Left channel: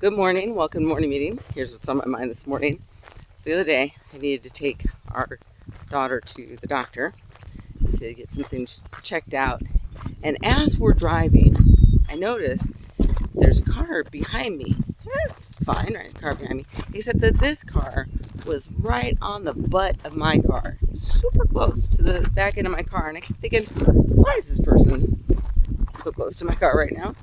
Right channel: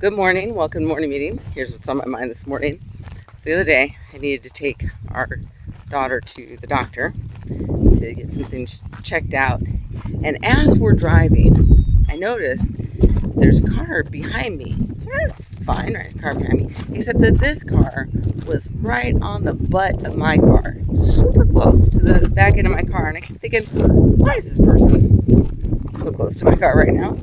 Good morning. Welcome to morning meeting. Here's what's on my mind this morning. The other day, I needed to take our daughter to the doctor to get some things checked out. And as we're driving, I noticed there's a car behind me. That's fine, right? A car behind me. Except that this car was right on the butt of my car, super close to the back end of my car. And I kept thinking, why is this person so close to my car right now?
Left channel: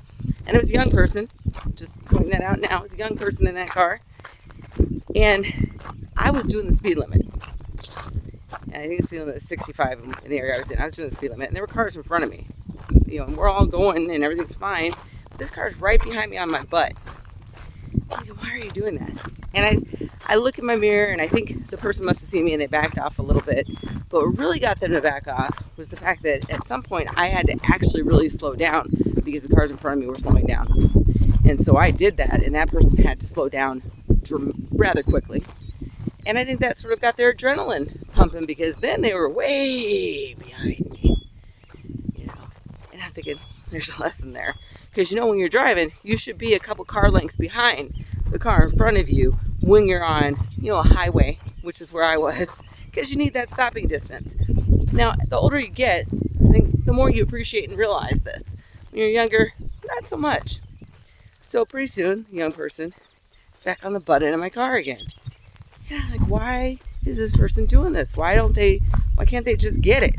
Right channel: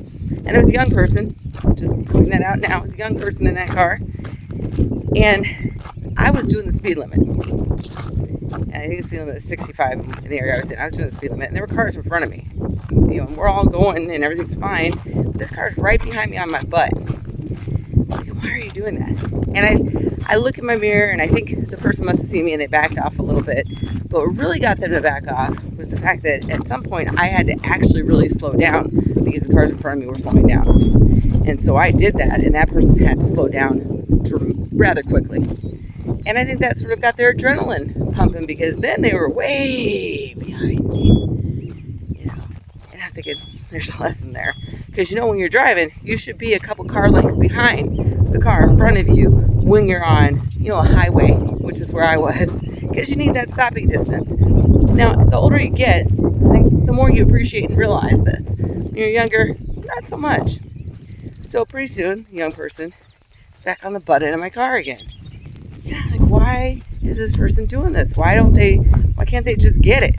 And it was a young person. Just pointing that out now. It was a young person in that car. And I was doing the speed limit. And I think the speed limit was 65 in the area I was in. I was doing the speed limit. And there were cars in front of me. And we're all going and everything's fine. But this car's right behind me on my butt. Why are you doing that? And I look in my mirror and I think the person must have seen me and they backed off a little bit. But what really got them to back off was the fact that at some point I had to actually really slow down because the cars in front of me were slowing down. And so I did that, and that person had to slow down rather quickly. And I think that sort of got their adrenaline pumping because then they were way behind me. And I'm thinking, there's a lesson there. Because when you're driving, you should be a couple car lengths behind the car in front of you when you're on, a highway, which is where I was, because you need that stopping distance. Now, the older you get, I think the more you appreciate and realize this. When you're younger, not so much. So pretty soon, the young person is back on the butt end of my car again. Why is this person doing this? Why can't they just get it?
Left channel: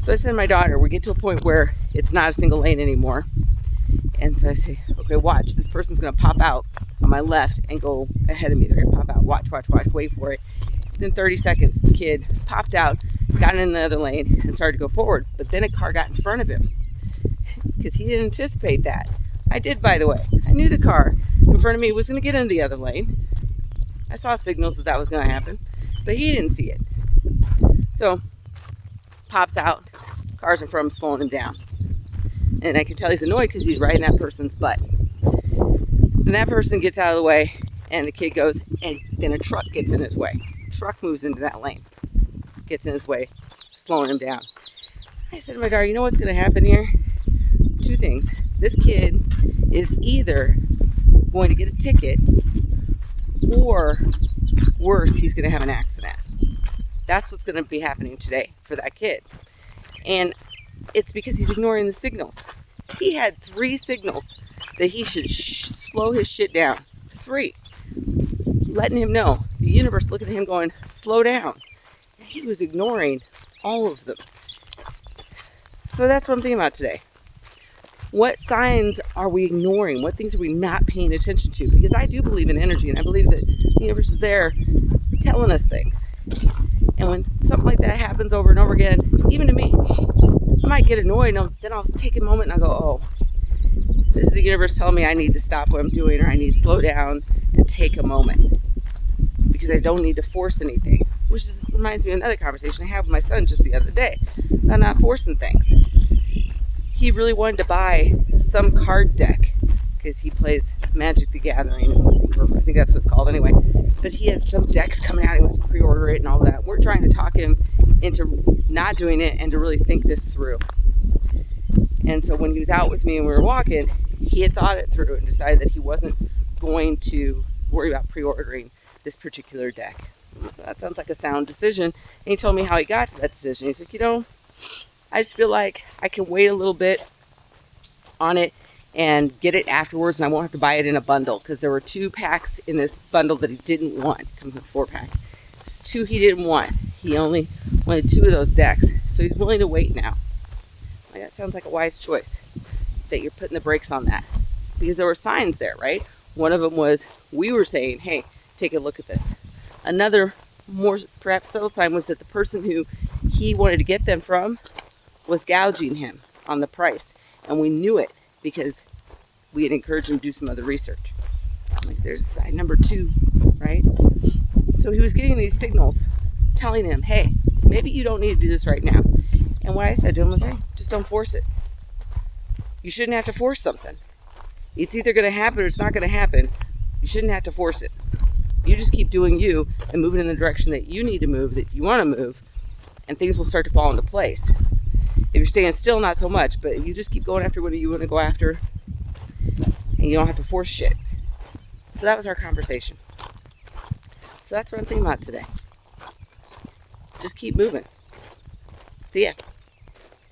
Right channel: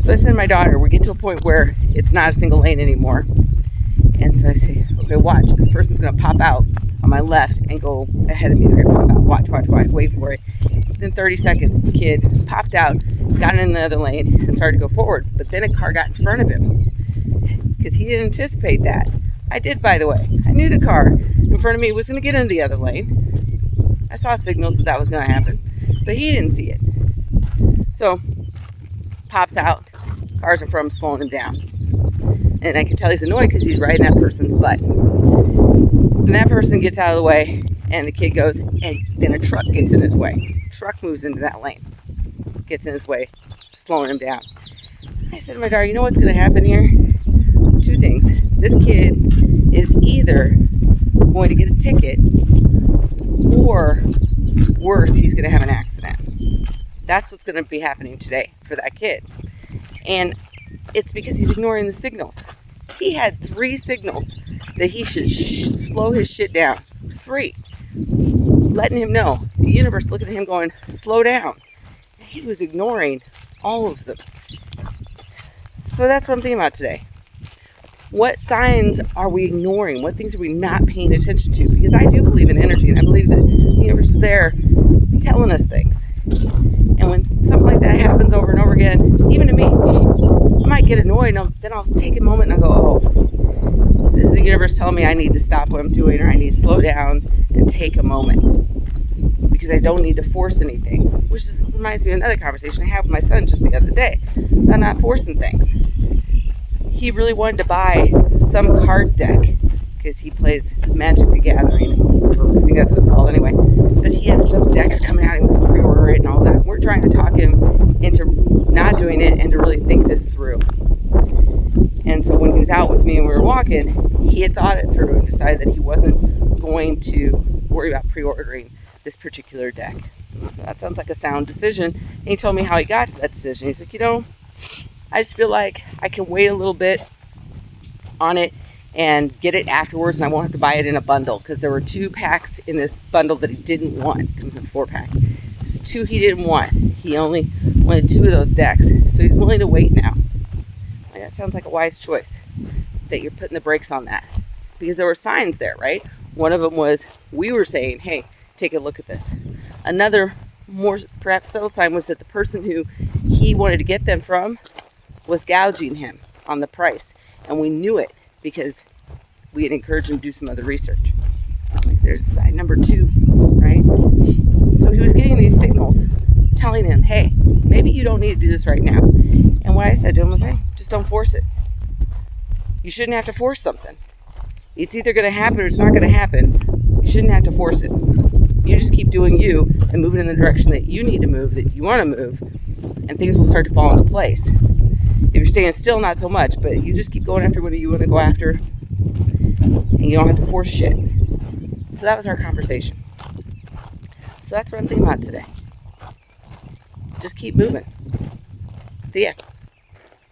So I said to my daughter, we get to a point where it's not a single lane anymore. And so I say, okay, watch. This person's going to pop out on my left and go ahead of me. They're going to pop out. Watch. Wait for it. Within 30 seconds, the kid popped out, got in the other lane, and started to go forward. But then a car got in front of him because he didn't anticipate that. I did, by the way. I knew the car in front of me was going to get into the other lane. I saw signals that was going to happen, but he didn't see it. So, pops out, cars in front of him slowing him down. And I can tell he's annoyed because he's right in that person's butt. And that person gets out of the way, and the kid goes, and then a truck gets in his way. Truck moves into that lane, gets in his way, slowing him down. I said to my daughter, you know what's going to happen here? Two things. This kid is either going to get a ticket, or worse, he's going to have an accident. That's what's going to be happening today for that kid. And it's because he's ignoring the signals. He had 3 signals that he should slow his shit down. 3. Letting him know. The universe looking at him going, slow down. And he was ignoring all of them. So that's what I'm thinking about today. What signs are we ignoring? What things are we not paying attention to? Because I do believe in energy, and I believe that the universe is there telling us things. And when something like that happens over and over again, even to me, I might get annoyed, and then I'll take a moment and I'll go, oh, this is the universe telling me I need to stop what I'm doing, or I need to slow down and take a moment. Because I don't need to force anything. Which reminds me of another conversation I had with my son just the other day about not forcing things. He really wanted to buy some card deck because he plays Magic the Gathering. I think that's what it's called anyway. But he has some decks coming out. He wants to pre-order it and all that. We're trying to talk him into not doing it and to really think this through. And so when he was out with me and we were walking, he had thought it through and decided that he wasn't going to worry about pre-ordering this particular deck. That sounds like a sound decision. And he told me how he got to that decision. He's like, I just feel like I can wait a little bit on it and get it afterwards, and I won't have to buy it in a bundle because there were 2 packs in this bundle that he didn't want. It comes in a 4-pack. There's 2 he didn't want. He only wanted 2 of those decks, so he's willing to wait now. That sounds like a wise choice that you're putting the brakes on that because there were signs there, right? One of them was we were saying, hey, take a look at this. Another more perhaps subtle sign was that the person who he wanted to get them from was gouging him on the price. And we knew it because we had encouraged him to do some other research. There's sign number 2, right? So he was getting these signals telling him, hey, maybe you don't need to do this right now. And what I said to him was, hey, just don't force it. You shouldn't have to force something. It's either going to happen or it's not going to happen. You shouldn't have to force it. You just keep doing you and moving in the direction that you need to move, that you want to move, and things will start to fall into place. If you're staying still, not so much, but you just keep going after what you want to go after, and you don't have to force shit. So that was our conversation. So that's what I'm thinking about today. Just keep moving. See ya.